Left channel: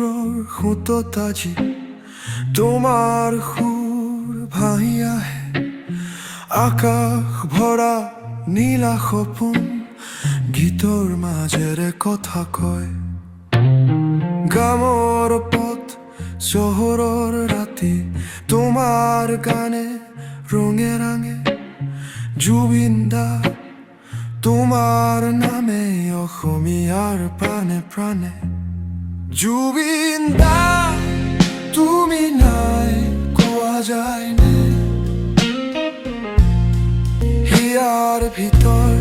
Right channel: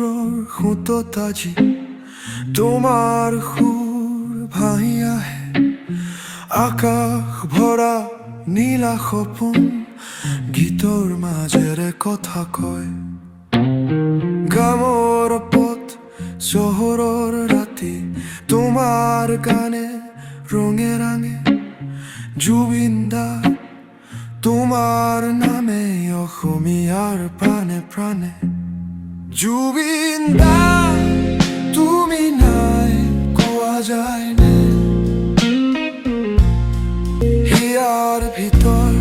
কণ্ঠৰ সুতত আজি তোমাৰ সুৰ ভাহি আহে আকাশ ভৰা নীলা সপোন গীতৰ মাজেৰে কথা কয় গামৰ পথ চহৰৰ ৰাতি তোমাৰ গানে ৰঙে ৰাঙে জুবিন দা তোমাৰ নামে অসমীয়াৰ প্ৰাণে প্ৰাণে জুবিন দা তুমি নাই কোৱা যায়নে হিয়াৰ ভিতৰ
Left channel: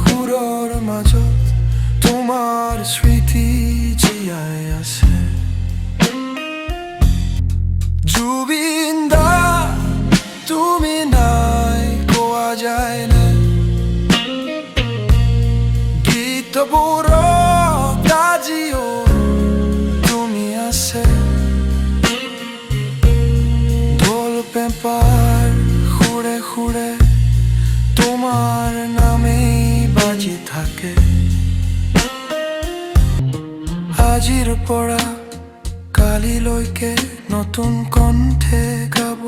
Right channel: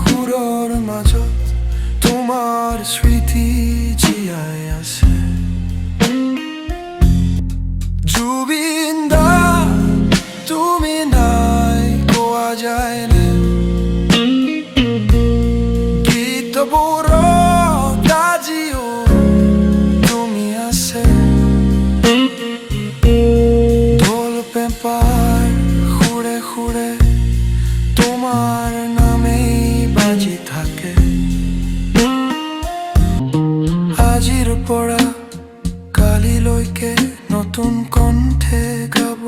সুৰৰ মাজত তোমাৰ স্মৃতি জীয়াই আছে জুবিন দা তুমি নাই কোৱা যায়নে গীতবোৰত আজিও তুমি আছে ঢোল পেঁপাৰ সুৰে সুৰে তোমাৰ নামেই বাজি থাকে আজিৰ পৰা কালিলৈকে নতুন কণ্ঠে গাব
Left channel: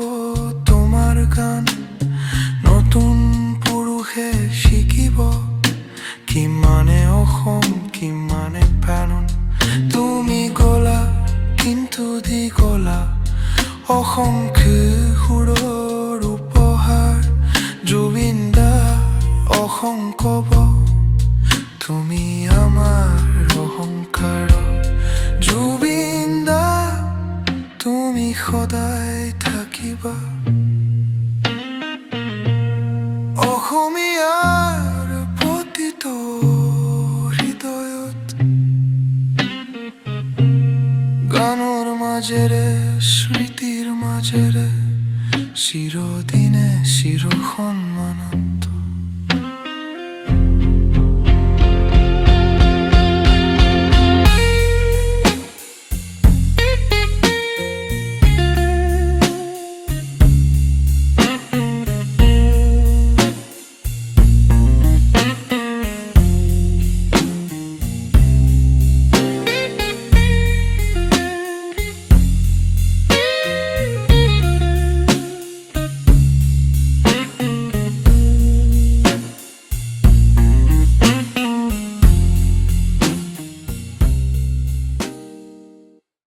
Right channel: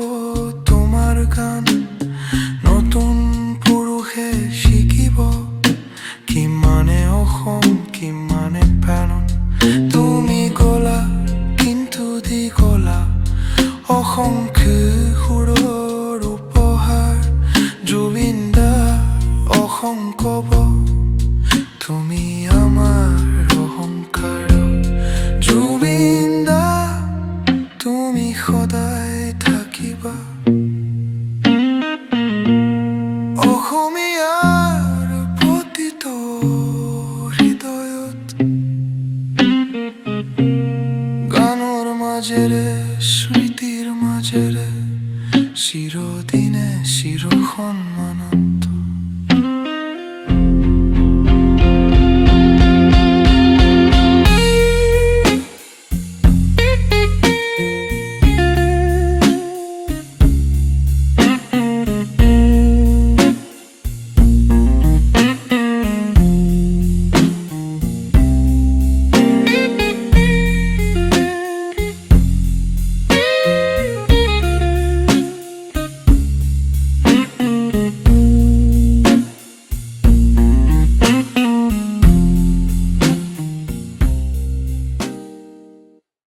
তোমাৰ গান নতুন পুৰুষে শিকিব কিমানে অসম কিমানে প্ৰাণ তুমি গলা কিন্তু দি গলা অসংখ্য সুৰৰ উপহাৰ জুবিন দা অসংখ্য তুমি আমাৰ অহংকাৰ জুবিন দা তুমি সদায় থাকিবা অসমীয়াৰ প্ৰতিটো হৃদয়ত গানৰ মাজেৰে স্মৃতিৰ মাজেৰে চিৰদিনে চিৰ সন্মানত